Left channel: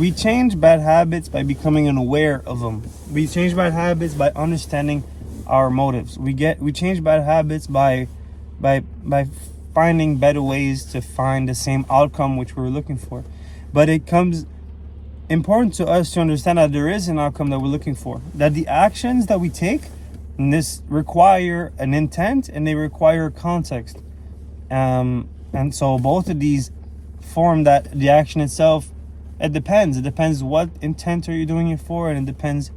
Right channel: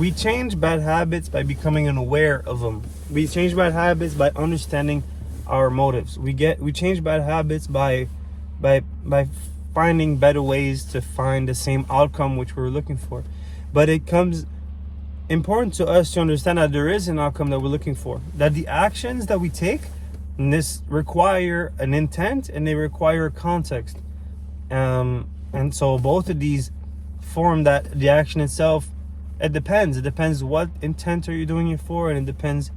we change bad habits by becoming unaware of them. We change bad habits by understanding our motives. We change bad habits by finding better ways to find the same outcome which we're looking for. But it comes important to us to understand that there is an outcome that we're looking for, that the actions that we take in this require an intent and they require context, and so both of these form that the action itself. It depends what intent are you doing it for, and it depends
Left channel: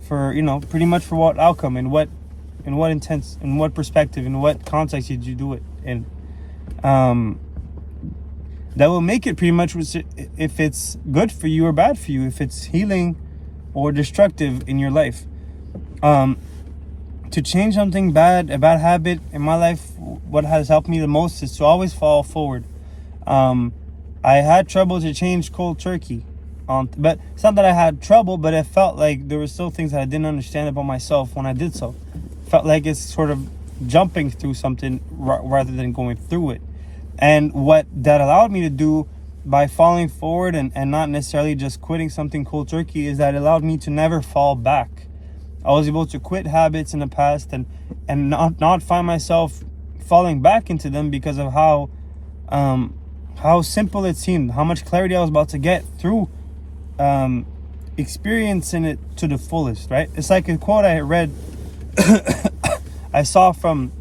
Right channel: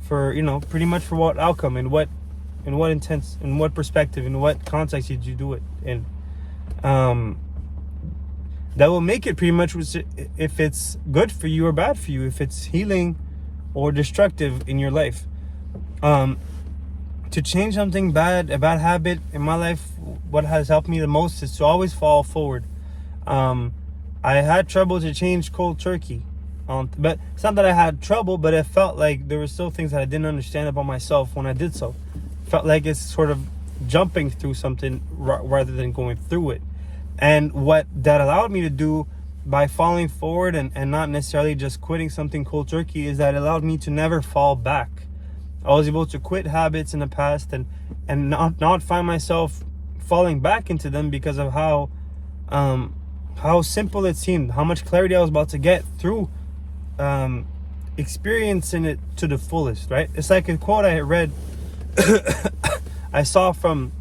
for, pretty much for what outcome and what intent, in what perspective, in what context did you do it in. That will make it pretty much if it's good for you or bad for you, if it's healing or destructive in your life. To change something bad, a bad habit in my life, what has helped me the most is to always fall forward. I had trouble to change cold turkey, but it's not that I had trouble, but it felt like there were still things that I didn't understand about myself when I did so. Felt like it's sort of jumping through something rather than going through it. And what that allowed me to do by falling forward and not necessarily just quitting something cold turkey is that it allowed me to never fall back. I was able to quit habits in the past and not find myself falling back into them because of how simple it seemed, how much clarity I was about to get through experiencing it to the fullest, right? It's like a quote I read, I saw from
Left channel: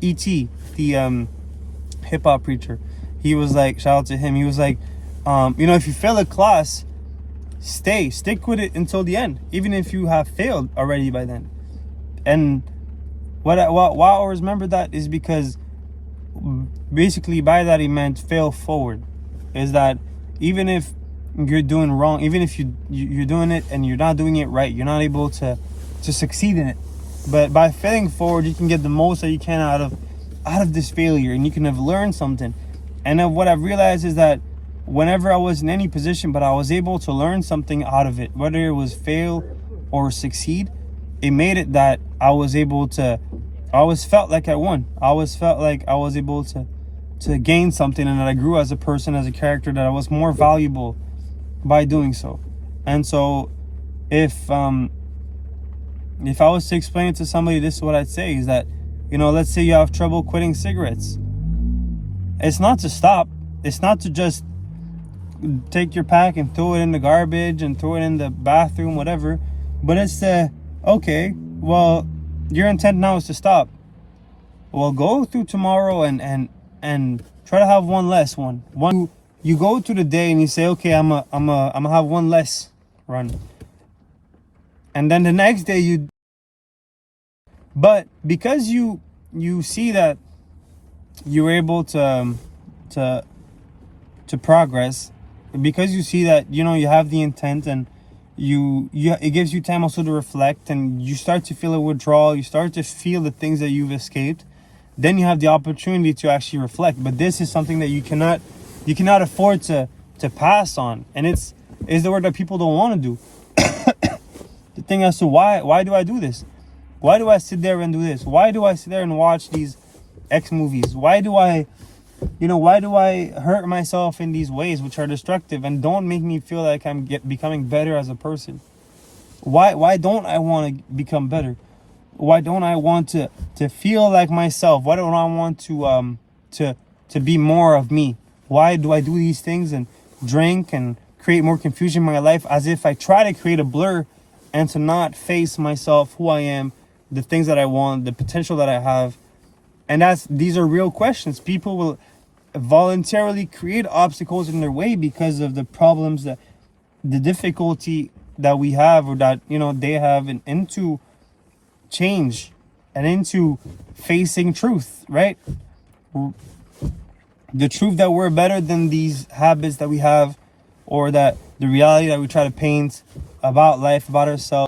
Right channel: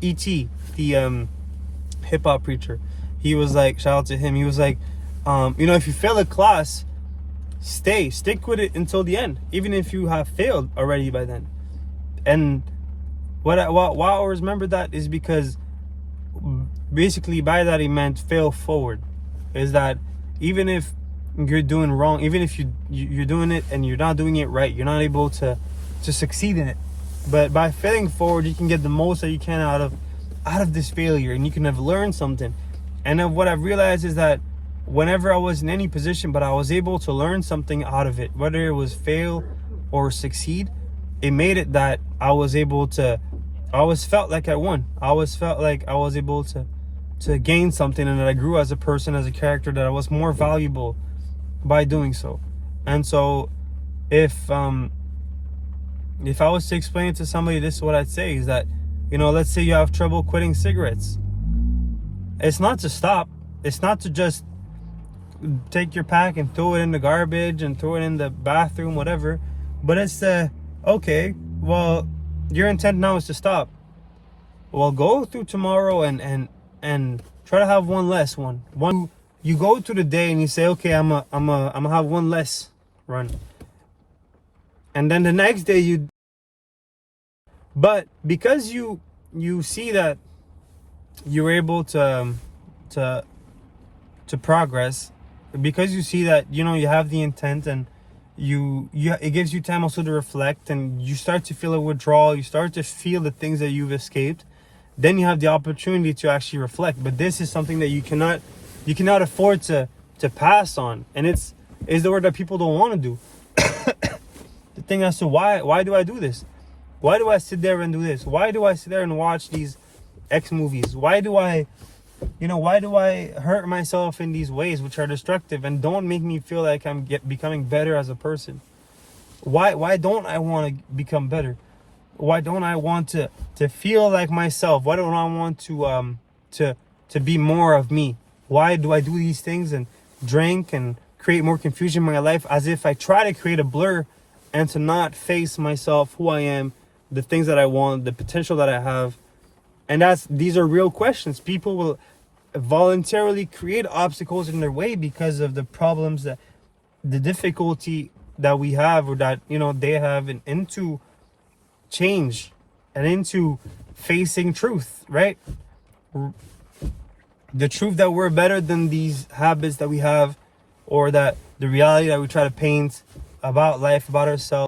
E.T., the hip-hop preacher. He was like, shout out to him, he was like, if you fail a class, stick with it until the end, even if you have failed already by then. And why I always remember that is because basically by that he meant fail forward. Is that even if you're doing wrong, even if you're doing it and you're not doing it right, you're not able to succeed in it, but by failing forward you can get the most that you can out of this failure, and you can have learned something. And then what I've realized is that whenever I was in any position but I was able to learn something out of it, whether it was fail or succeed, it made it that I was able to, I always felt like I won. I always felt like I was able to gain something, and that I grew as a person, as a character, that I was more valuable by doing so. And so if I was to explain it to somebody, this is what I'd say is that, let's say you have trouble quitting cigarettes. It's not to stop. It's not to just take your pack and throw it in the garbage and throw it in the bathroom, whatever. But it's okay, well, your intent now is to stop. Well, go through tomorrow and try to have one less one. You go through the day and you say, okay, I'm gonna have one less run. And then the next day but because you see that you were able to progress, because you see that you have the intent, and it gives you time also to reflect, and you start to feel a withdrawal, you start to feel the things that you've escaped, then you have the opportunity to actually reflect. But this is something that you cannot afford to pass on, and it's the word that people don't want to do. The thing as to why do I do this? Why do I sit there and do this? Why do I sit there and watch these X movies? Why do I hurt myself in these ways which are destructive and don't make me feel like I'm becoming better as a person? Why don't I want to become better? Why don't I want to feel like myself? Why don't I want to be more of me? Why do I do these things and drink and create more confusion in my life, as if I try to create a blur and to not face myself, who I am, the things that I want, the potential that I have? And these are real questions. People will voluntarily create obstacles in their way because of the problems, that the difficulty that we have, or that they have, into change and into facing truth, right? The truth that we're better than these habits that we have, or that the reality that we try to paint about life, about ourselves,